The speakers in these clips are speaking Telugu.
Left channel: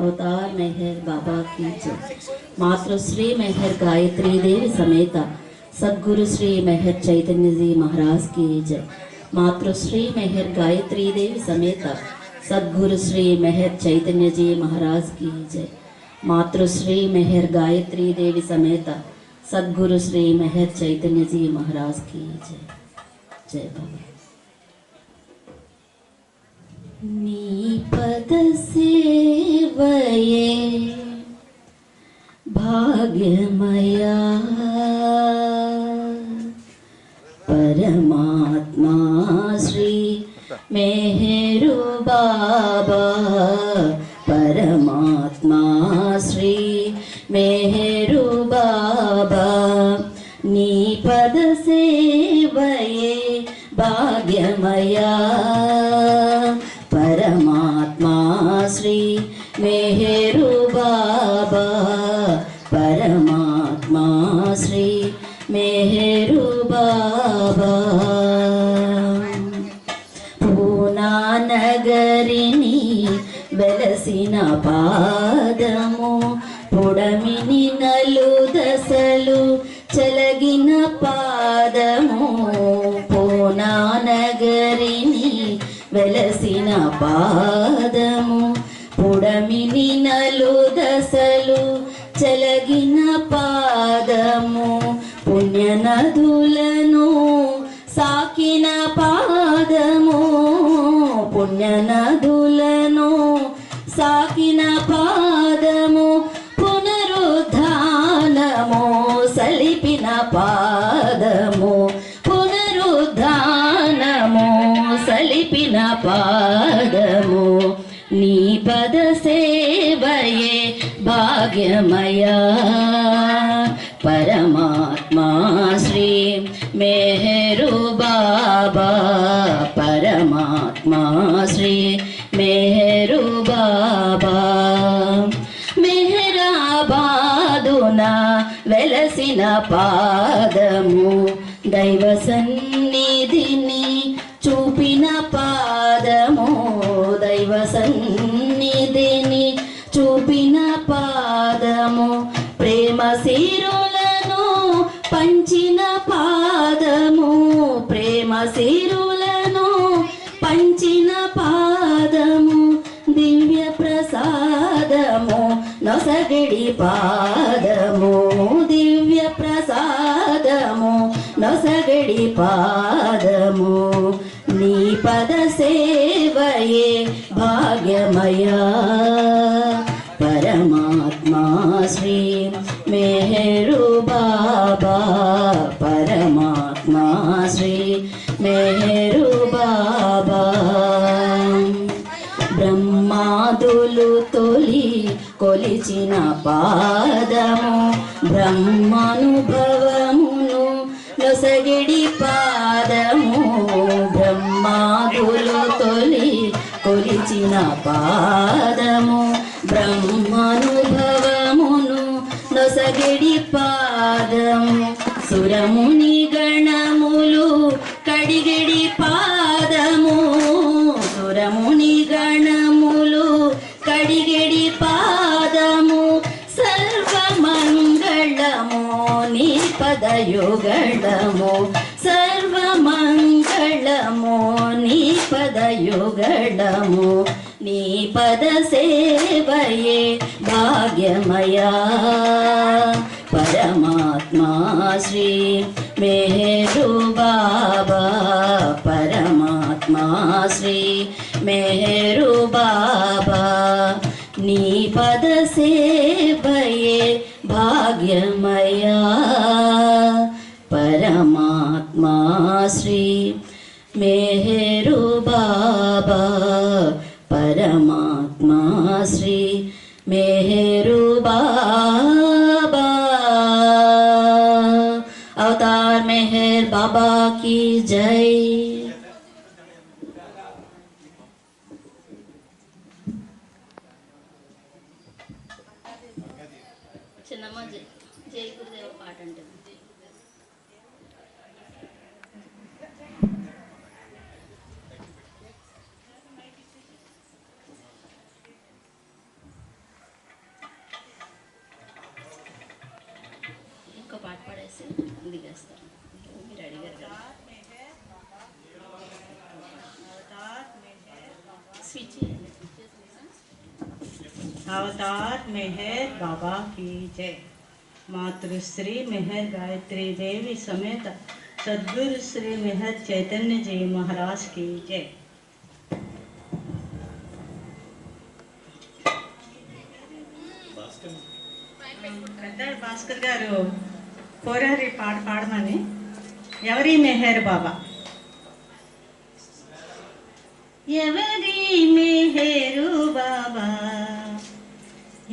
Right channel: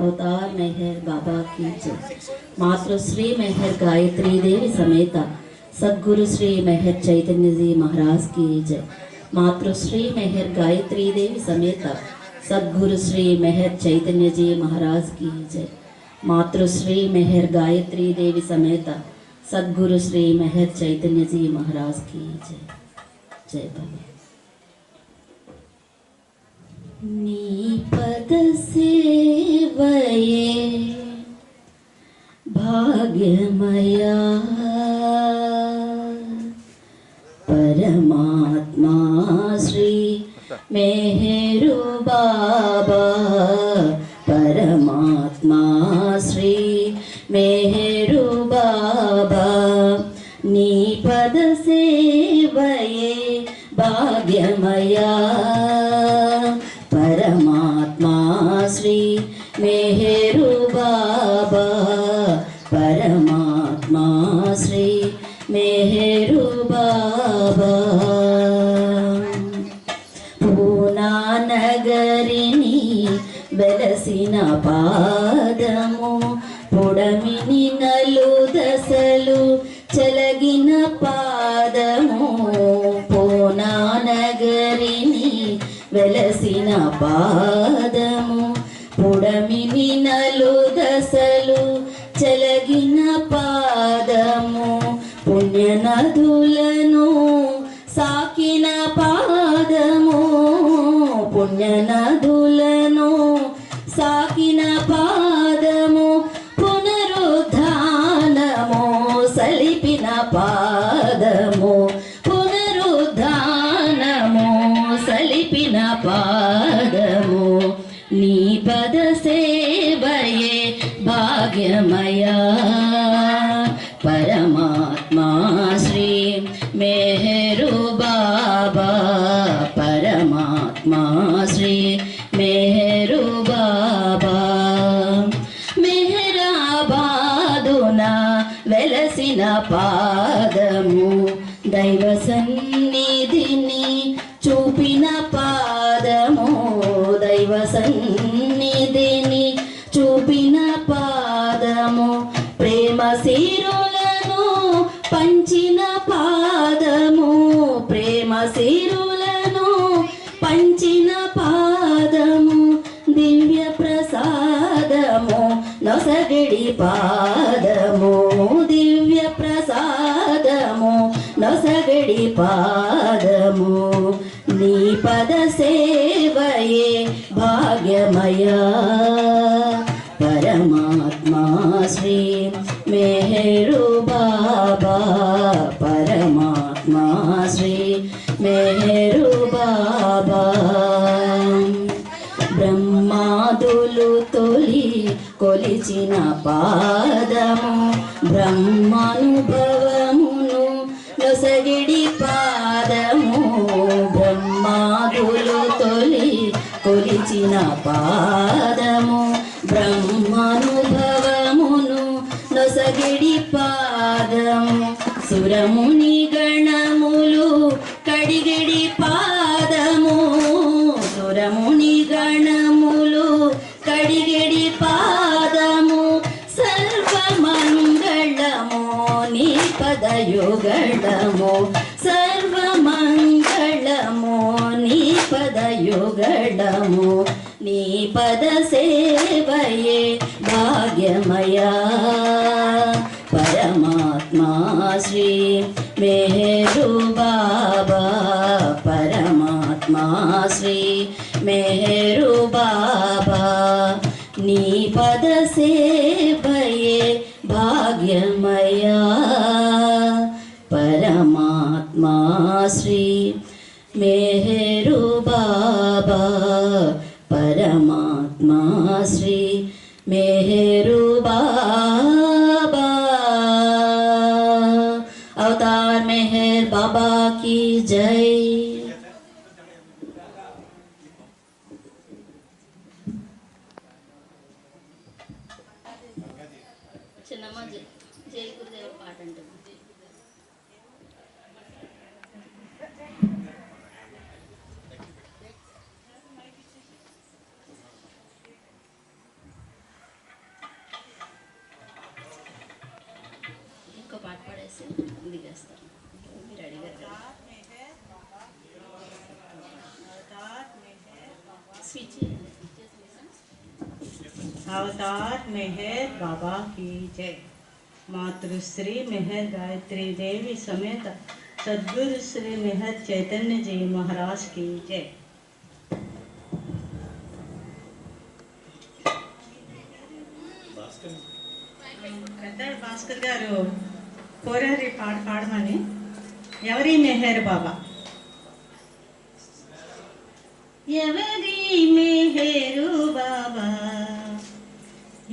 अवतार मेहर बाबा की जय। मातृश्री मेहर गायत्री देवी समेत सदगुरु श्री मेहर चैतन्य जी महाराज की जय। मातृश्री मेहर गायत्री देवी समेत सदगुरु श्री मेहर चैतन्य जी महाराज की जय। मातृश्री मेहर गायत्री देवी समेत सदगुरु श्री मेहर चैतन्य जी महाराज की जय। जय बाबा नी पद से నీ పద సేవయే భాగ్యమయా. పాదము పుడమిని నలు దశలు చెలగిన పాదము. పుణ్యనదులను సాకిన పాదము. పుణ్యనదులను సాకిన మెహరు బాబా పరమాత్మా శ్రీ మెహరు బాబా మెహరాబాదున వెలసిన పాదము దైవ సన్నిధిని చూపిన పాదము దైవ సన్నిధిని చూపిన పాదము ప్రేమ శిరు పంచిన పాదము ప్రేమ సిరులను పంచిన పాదము దివ్య ప్రసాదము నొసగిడి పాదము దివ్య ప్రసాదము నొసగిడి పాదము. నీ పద సేవయే భాగ్యమయా. పరమాత్మా శ్రీ మెహరు కొలిచిన పాదము బ్రహ్మానుభవమును నొసగిడి పాదము బ్రహ్మాదులు తొలి కొలిచిన పాదము బ్రహ్మానుభవమును నొసగిడి పాదము సురమును పదయుగళము సర్వమంగళము నీ పదయుగళము నీ పద సేవయే భాగ్యమయా పరమాత్మా శ్రీ మేరు బాబా పరమాత్మా శ్రీ మేరు బాబా నీ పద సేవయే భాగ్యమయా श्री मेहरू बाबा परमात्मा श्री मेहरू बाबा। अवतार मेहर बाबा की जय। చేసి దిగేస్తాం రెడీగా స్విచ్ अवतार मेहर बाबा की जय। मातृश्री मेहर गायत्री देवी समेत सदगुरु श्री मेहर चैतन्य जी महाराज की जय। भास्कर हाँ, भास्कर गारू। కోరారి పాట పాడమని ఎవరి మెహర్ బాబా? ఎవరి మెహేరు బాబా?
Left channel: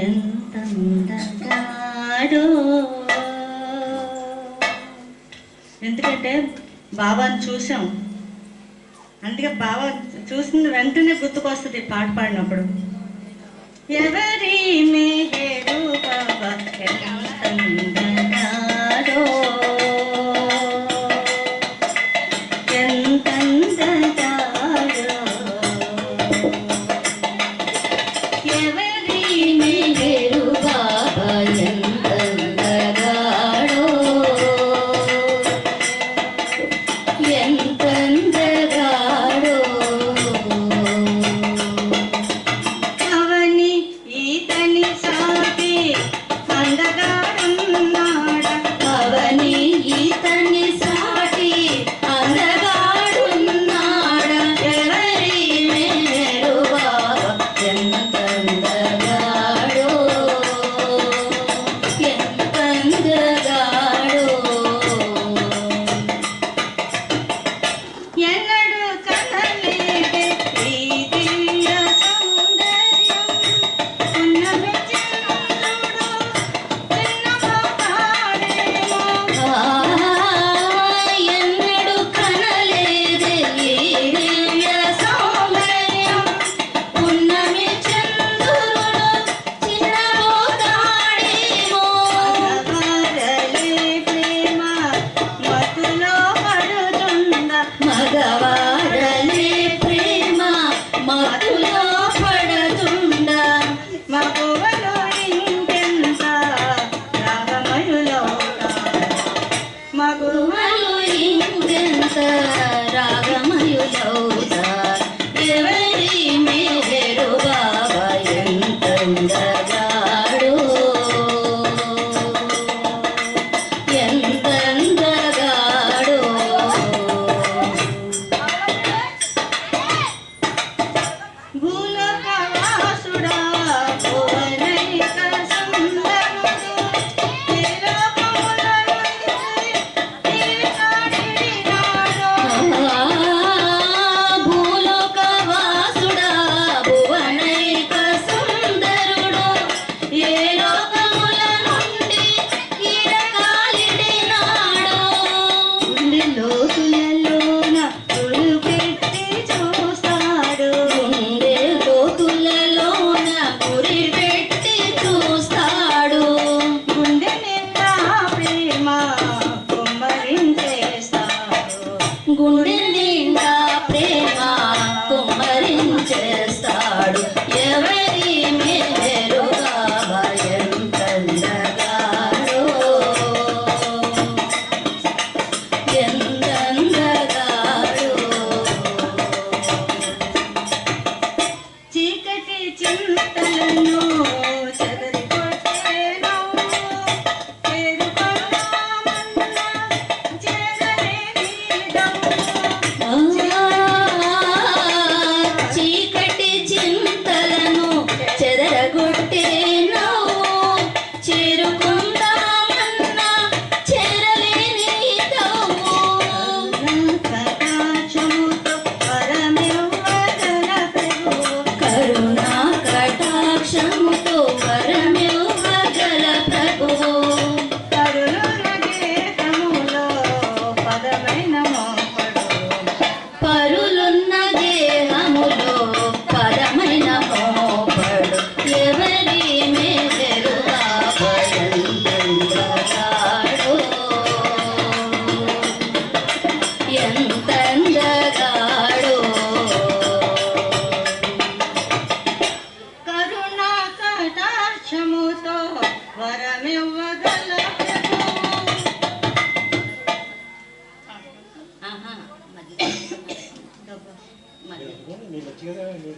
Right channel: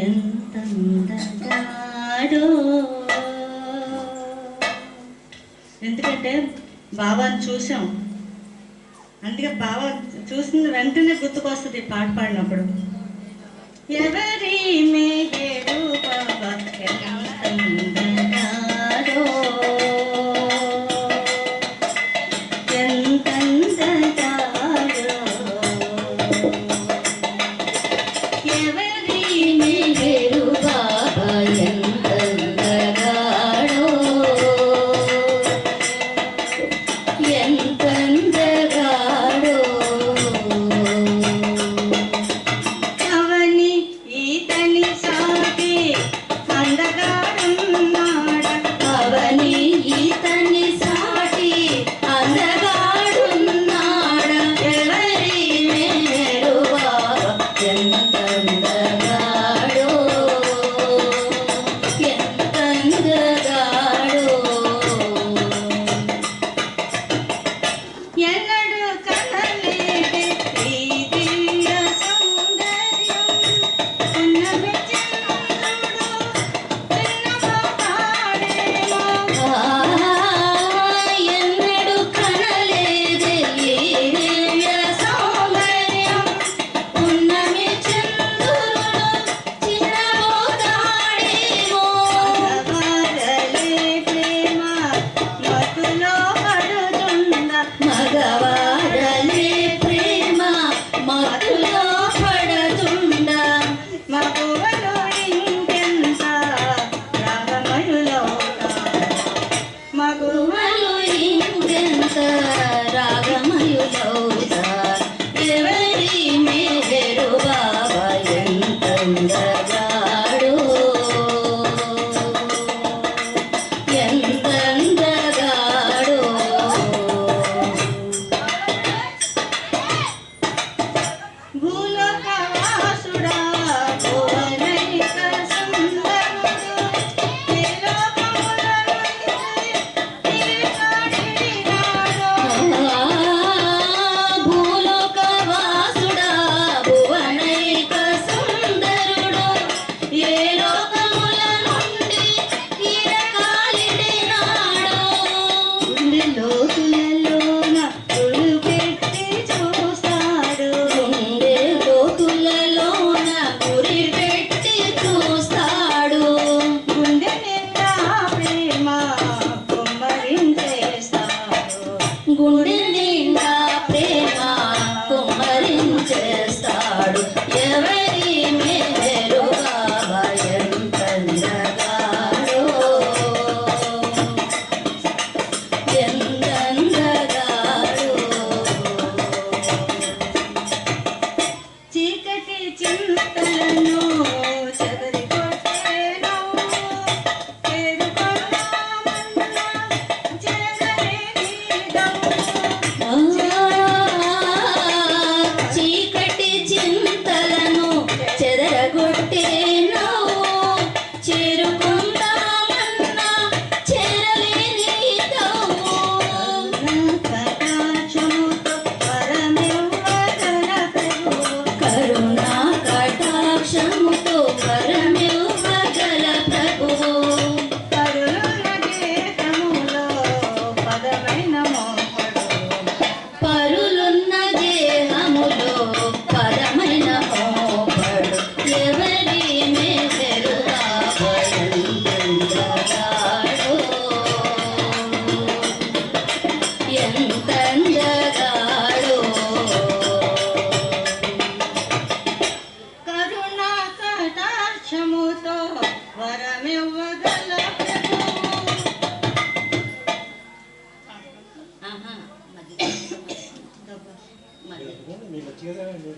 ఎంత ఎందుకంటే బాబాని చూసాం అందుకే బాబా చూసిన వెంటనే గుర్తుకొస్తుంది పాట పాడినప్పుడు. ఎవరి మే రాగమయులో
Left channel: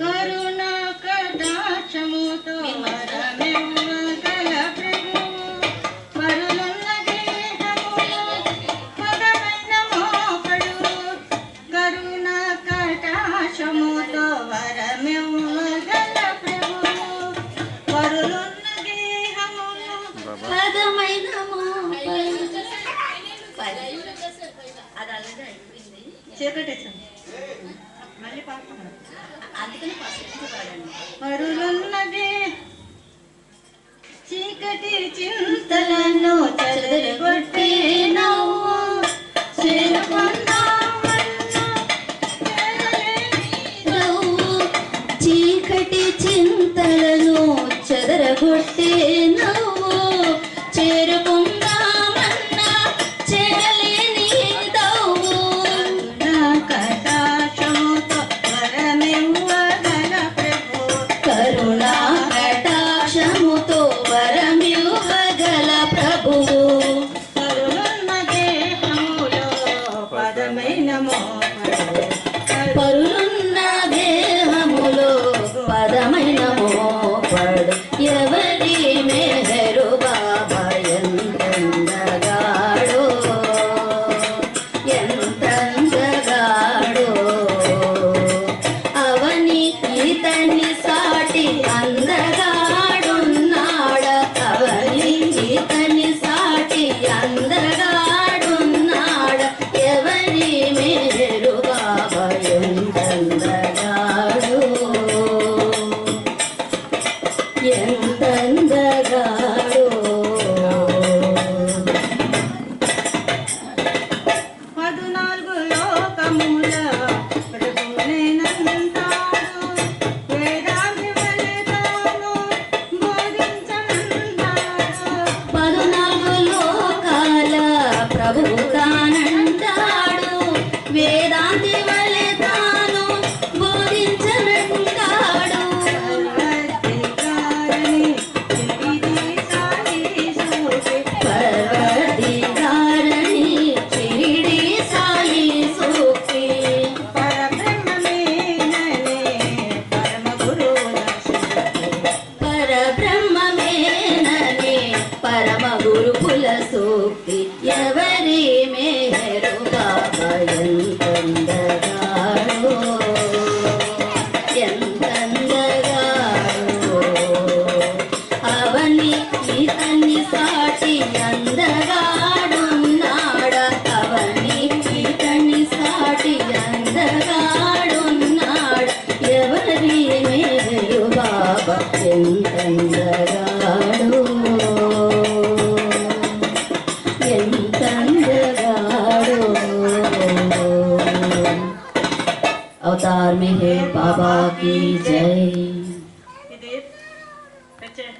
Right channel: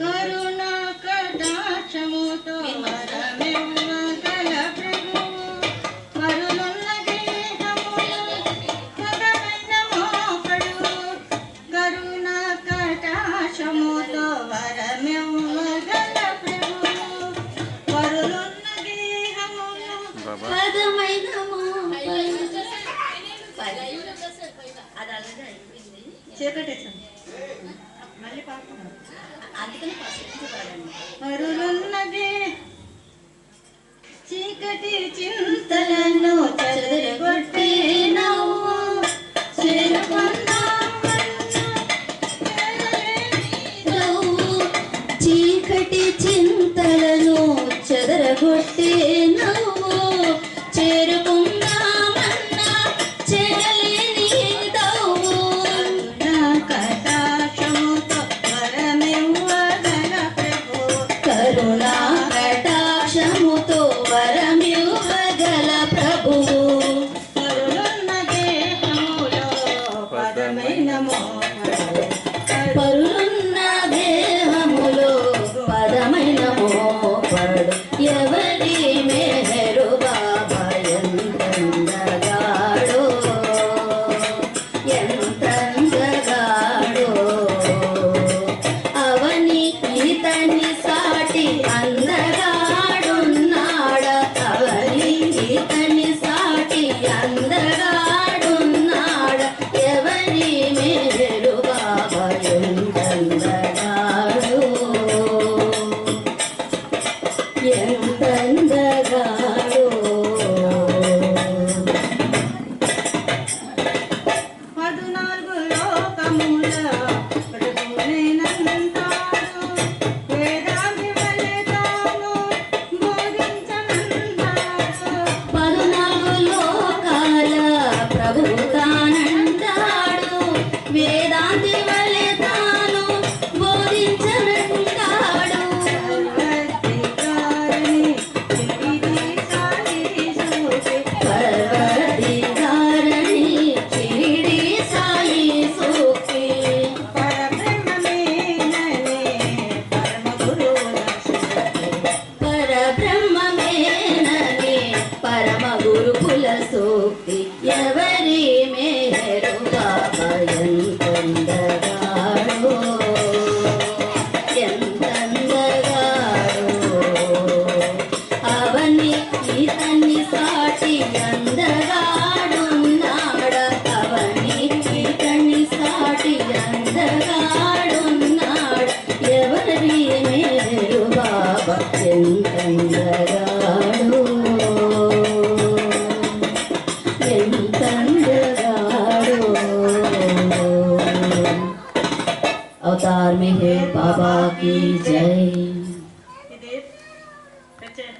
కరుణా కదాశముతో चेक टीचर na Dành.